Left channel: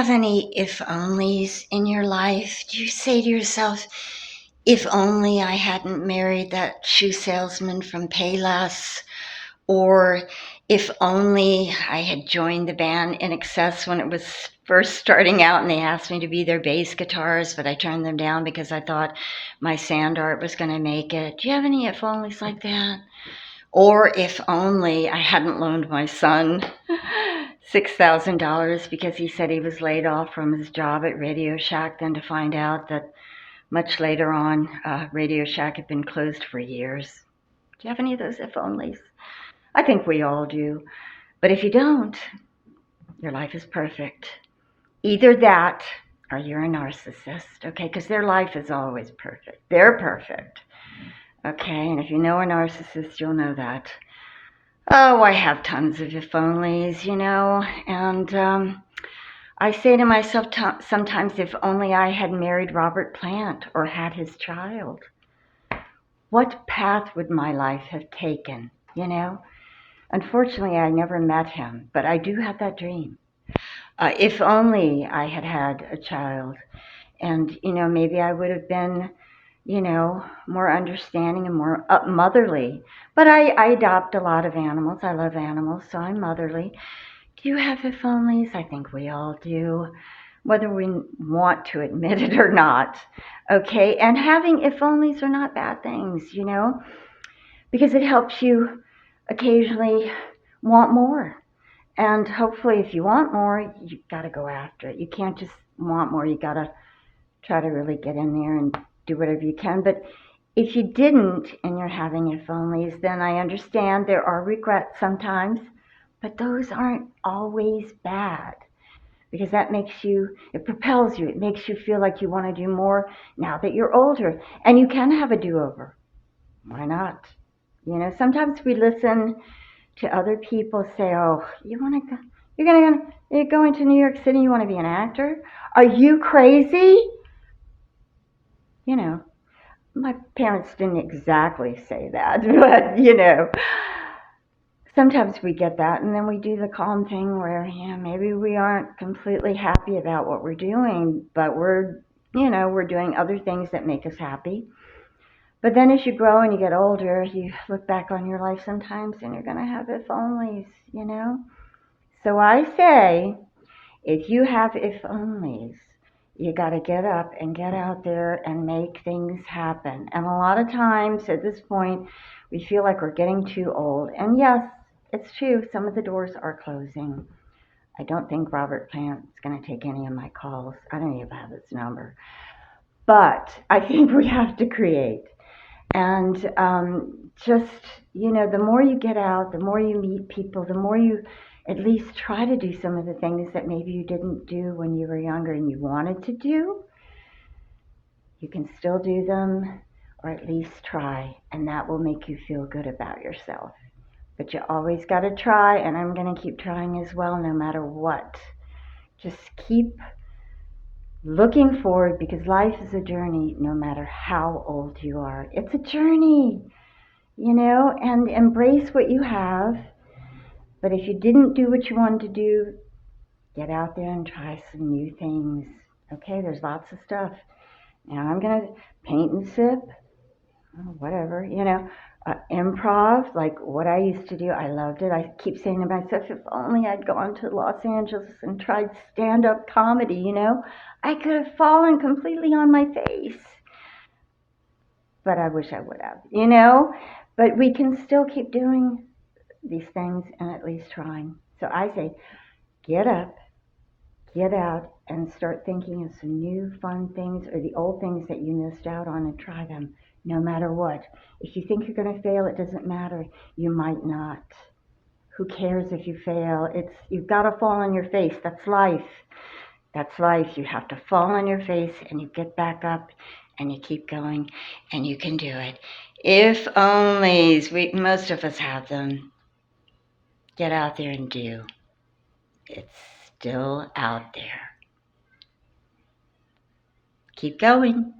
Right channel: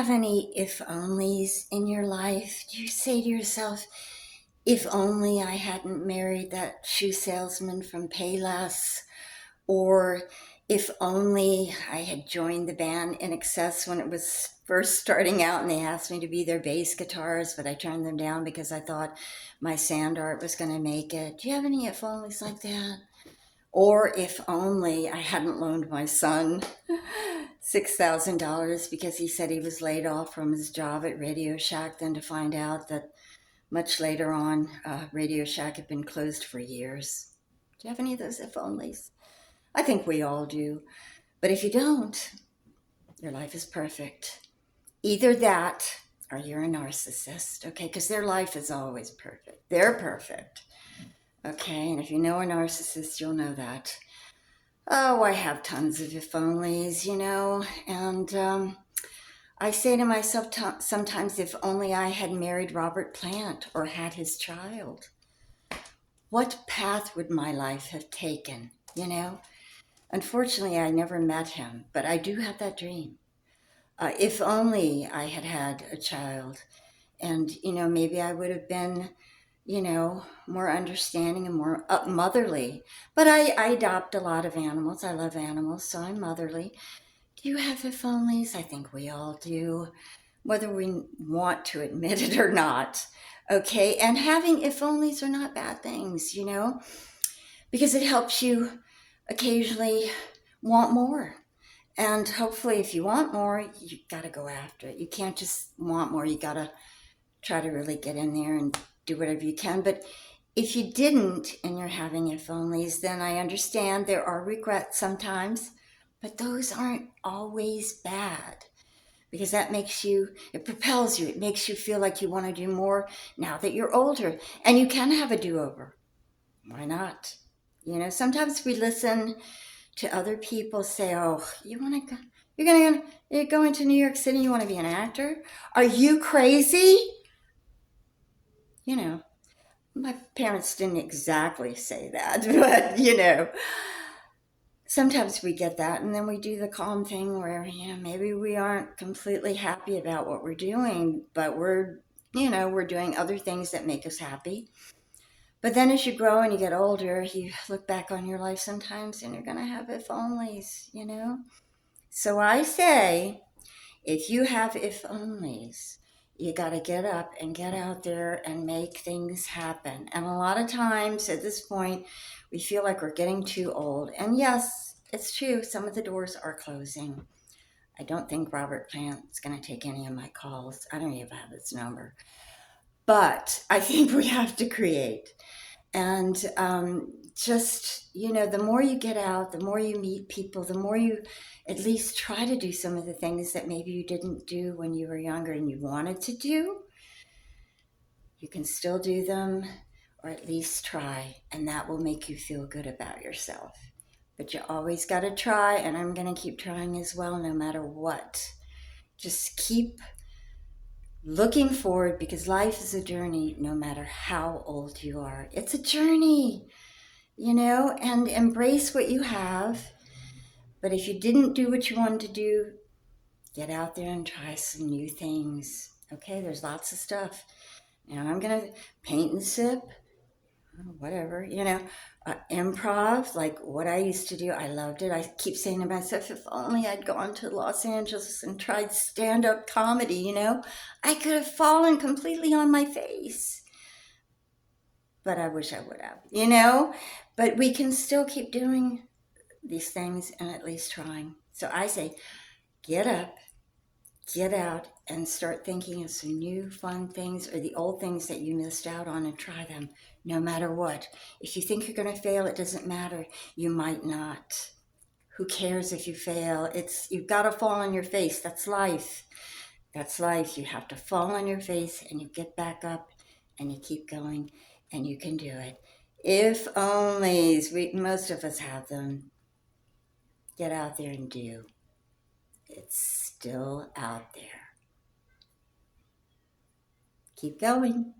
have any if onlys in your life? Do you say to yourself, if only I hadn't married that shoe salesman from Payless? Or if only I had joined the band In Excess when it was first starting out and they asked me to be their bass guitarist, but I turned them down because I thought my sand art was going to make it. Do you have any if onlys like that? Or if only I hadn't loaned my son $6,000 because he said he was laid off from his job at Radio Shack, then to find out that much later on, Radio Shack had been closed for years. Do you have any of those if onlys? I think we all do. But if you don't, your life is perfect. Either that or you're a narcissist, okay? Because their life is always perfect. They're perfect, okay? And if you know a narcissist, you'll know that. Oh, I have tons of if onlys, and I say to myself sometimes, if only I had married Robert Plant or had his child, what path would my life have taken? Unfortunately, I never met him, but I do have that dream. If only I had had a child, and maybe I would have been, more understanding and more motherly. But I adopt a lot of animals. I love animals, so I'm motherly. Do you have if onlys? I think we all do, whether we want to admit it or not. Okay, and having if onlys are not bad things, because it helps you occasionally want more. And hopefully, if you want more, you got to go after it. You can't just want more. You got to try to really get in there and do whatever you can. But if you didn't and you're having if onlys, then I understand there are regrets sometimes, but those aren't always bad because that it propels you. It makes you feel like you want to do more now that you're older, and you can have a do-over. Why not? Sometimes we listen to other people say, "Oh, you want to go? You're going to New York City. You want to be an actor? Are you crazy?" My parents didn't exactly say that, but sometimes we get that, and then we do the calm thing where maybe we aren't completely happy about what we're doing, but we're doing other things that make us happy. But then as you grow and you get older, you look back on your life sometimes and you're going to have if onlys. So I say, if you have if onlys, you got to get up and get out there and make things happen. And a lot of times at this point, we feel like we're getting too old. And yes, it's true, some of the doors are closing. I don't think Robert Plant's going to take any of my calls. I don't even have his number. But I think we have to create. And the more you get out, the more you meet people, the more you at least try to do some of the things that maybe you didn't do when you were younger and you wanted to do, you can still do them, or at least try, and that will make you feel good about yourself. But you always got to try, and I'm going to keep trying as well, no matter what. Just keep looking forward, because life is a journey no matter how old you are. It's a journey, and embrace what you have. But if you didn't do what you wanted to do, get out there and try some new things. Okay, there's lots of stuff. Now I'm going to paint and sip, whatever, improv, like what I used to do. I loved it. I keep saying to myself, if only I'd gone to Los Angeles and tried stand-up comedy, I could have fallen completely on my face. But I wish I would have, But we can still keep doing these things and at least trying. So I say, get up, get out, and start thinking of some new fun things or the old things that you missed out on, and try them no matter what. If you think you're going to fail, it doesn't matter. You might not. Who cares if you fail? You've got to fall on your face. That's life. That's life. You have to fall on your face and you get back up and you keep going, and you can do it. If onlys, most of us have them. Get out there and do. It's still out there. Keep going.